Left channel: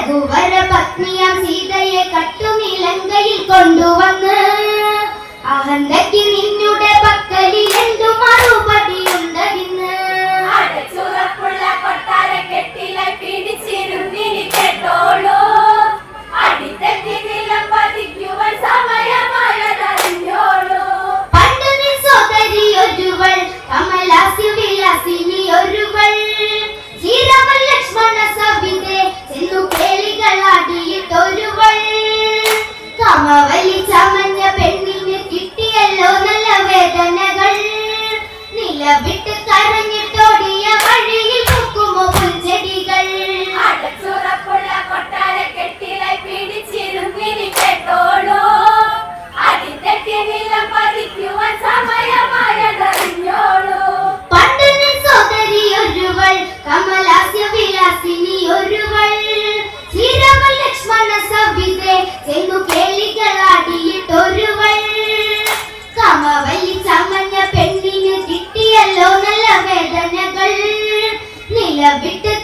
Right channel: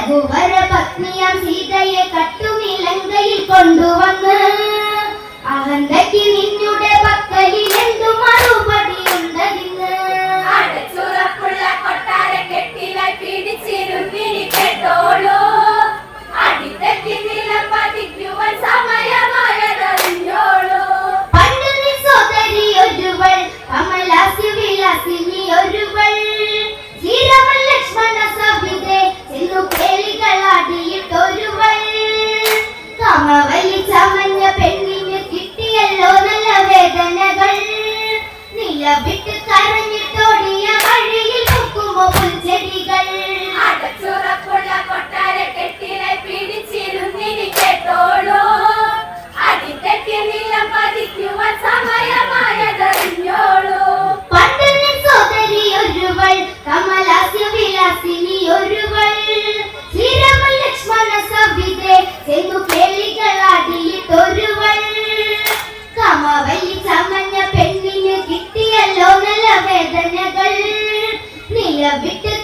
രഘുവര പത്നിയം സീതയെ കട്ടുമിലങ്കയിൽ കൊണ്ടുവന്ന്. അഹന്തയ്ക്ക് നിന്നുടെ പക്കലിൽ രണ്ടു മറുപടിയുണ്ട് ഇന്ന്? അടച്ചുറപ്പുള്ള കൊട്ടാര കെട്ടിലായി പിടിച്ചിരുന്നിരിക്കട്ടോളൂ விட்டு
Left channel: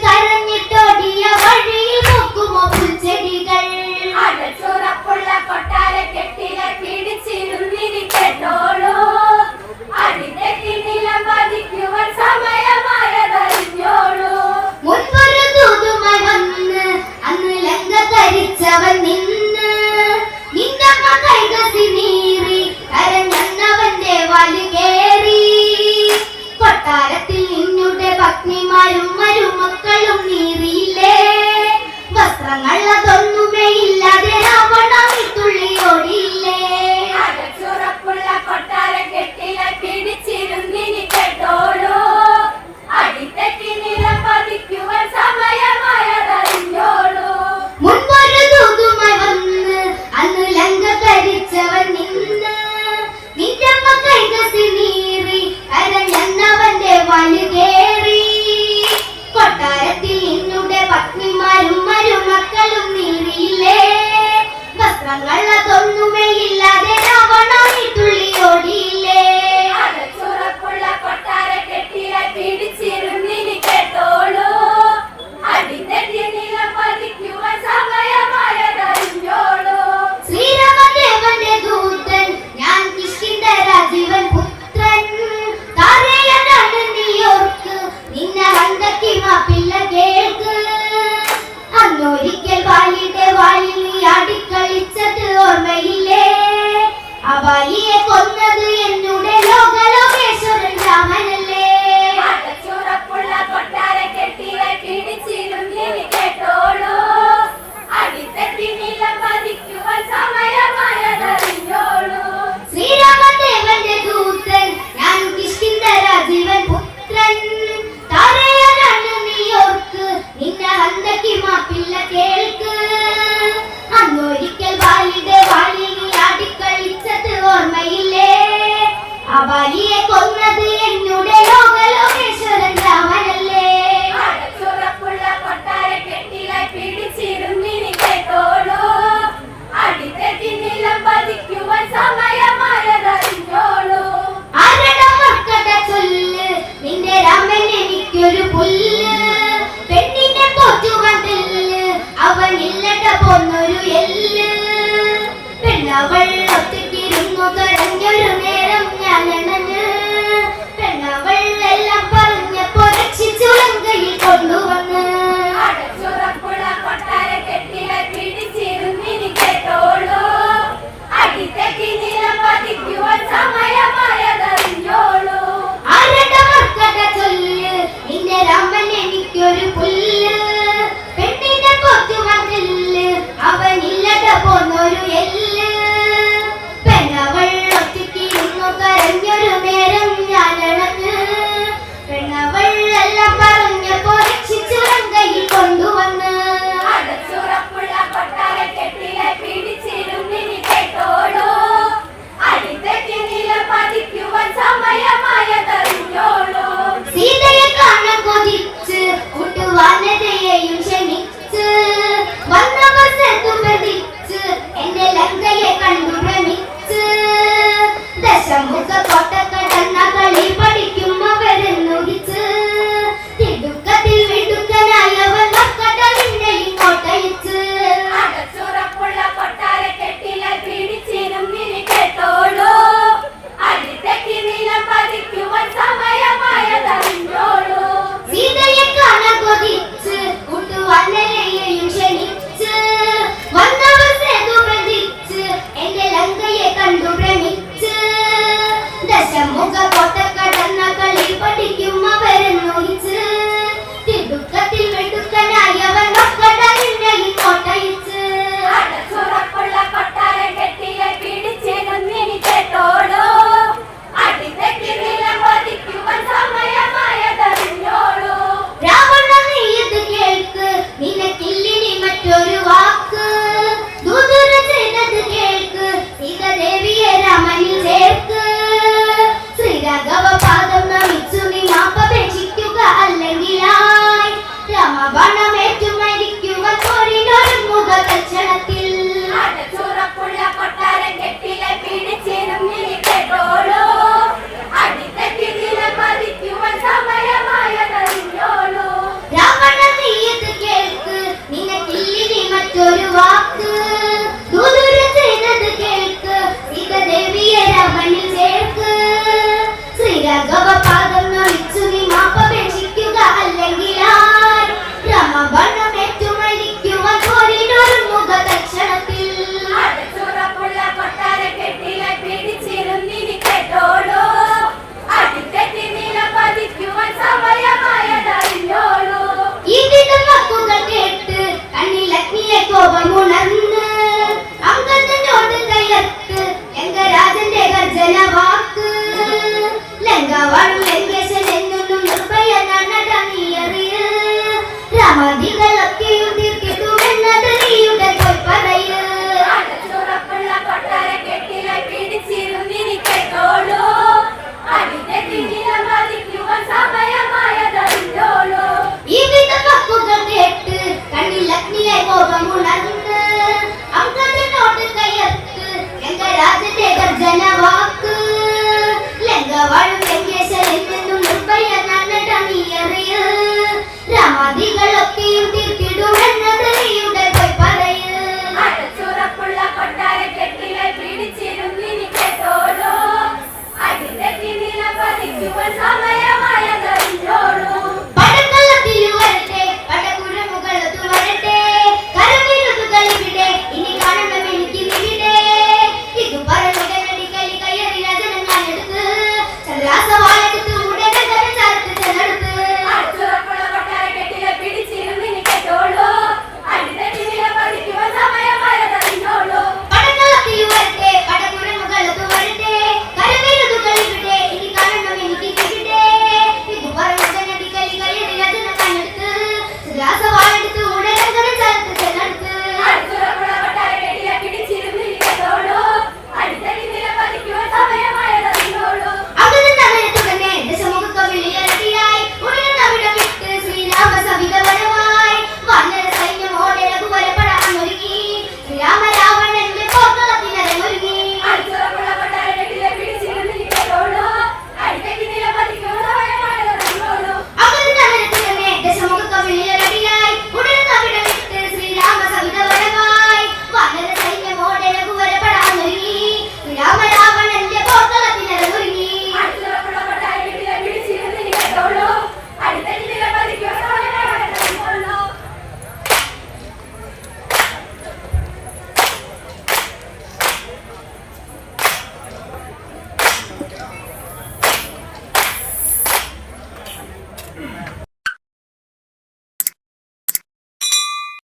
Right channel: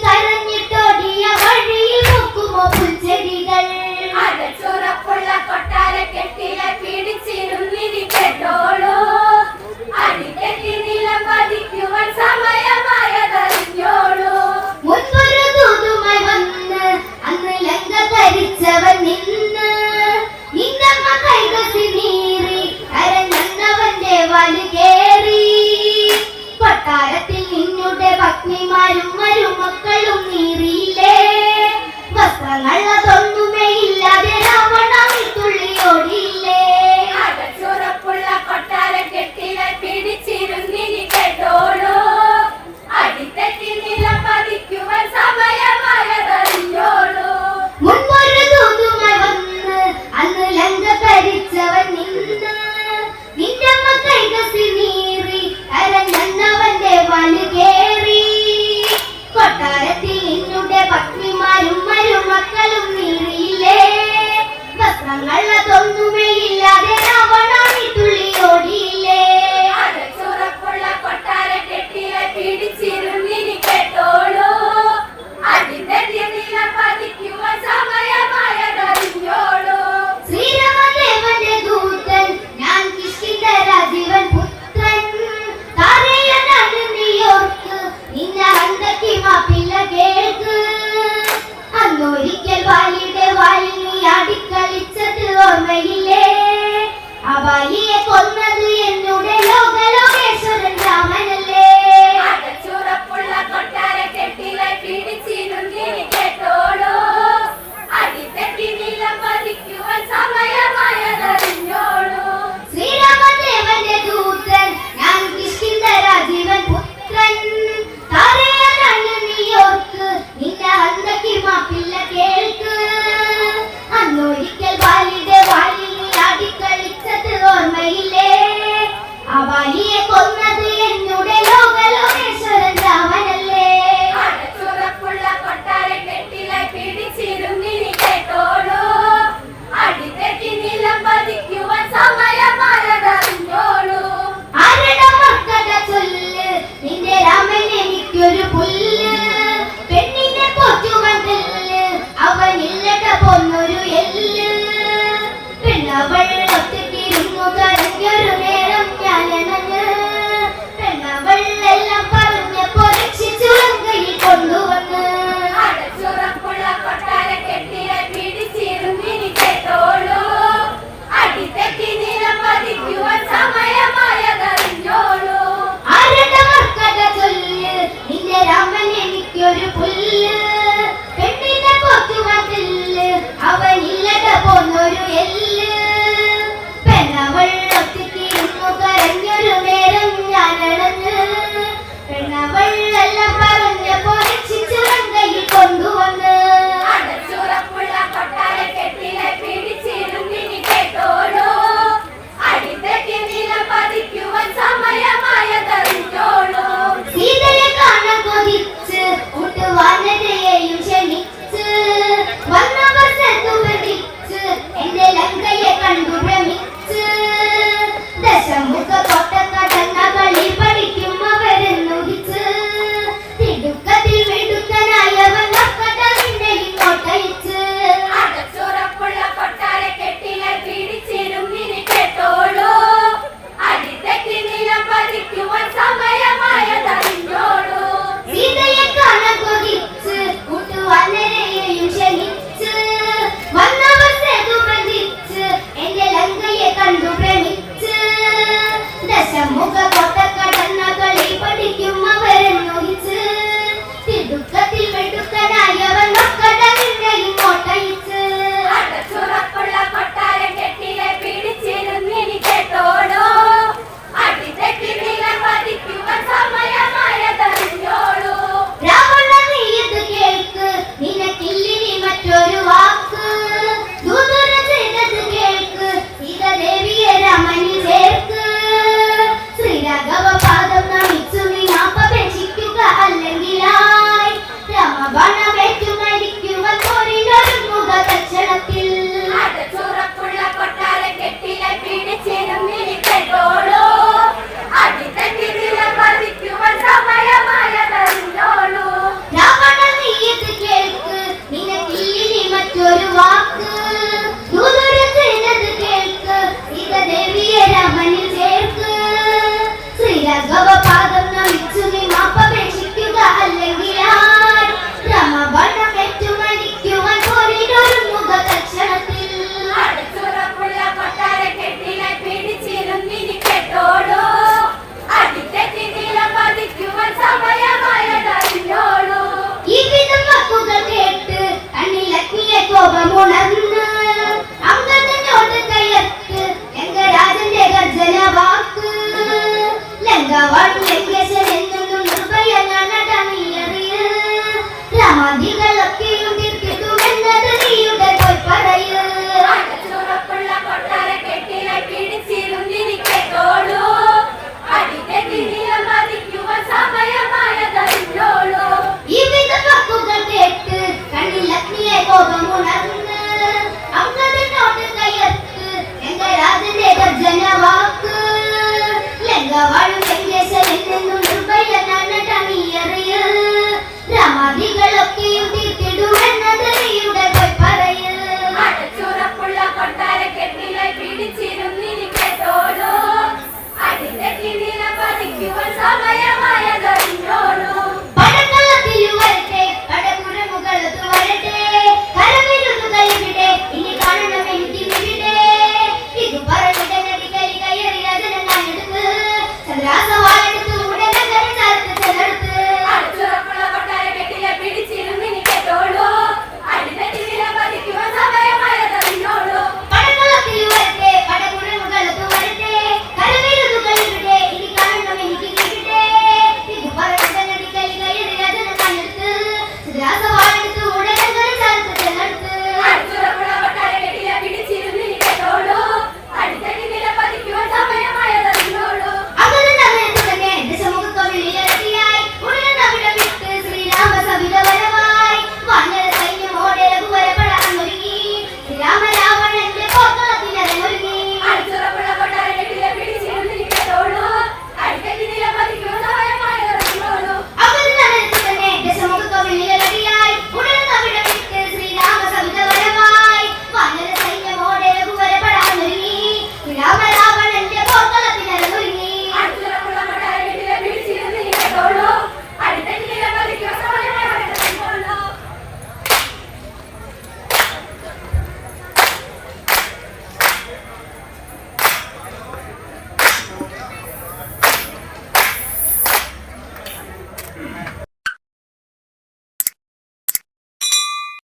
ಸಮಯಮಯದಲ್ಲಿಯೋಳು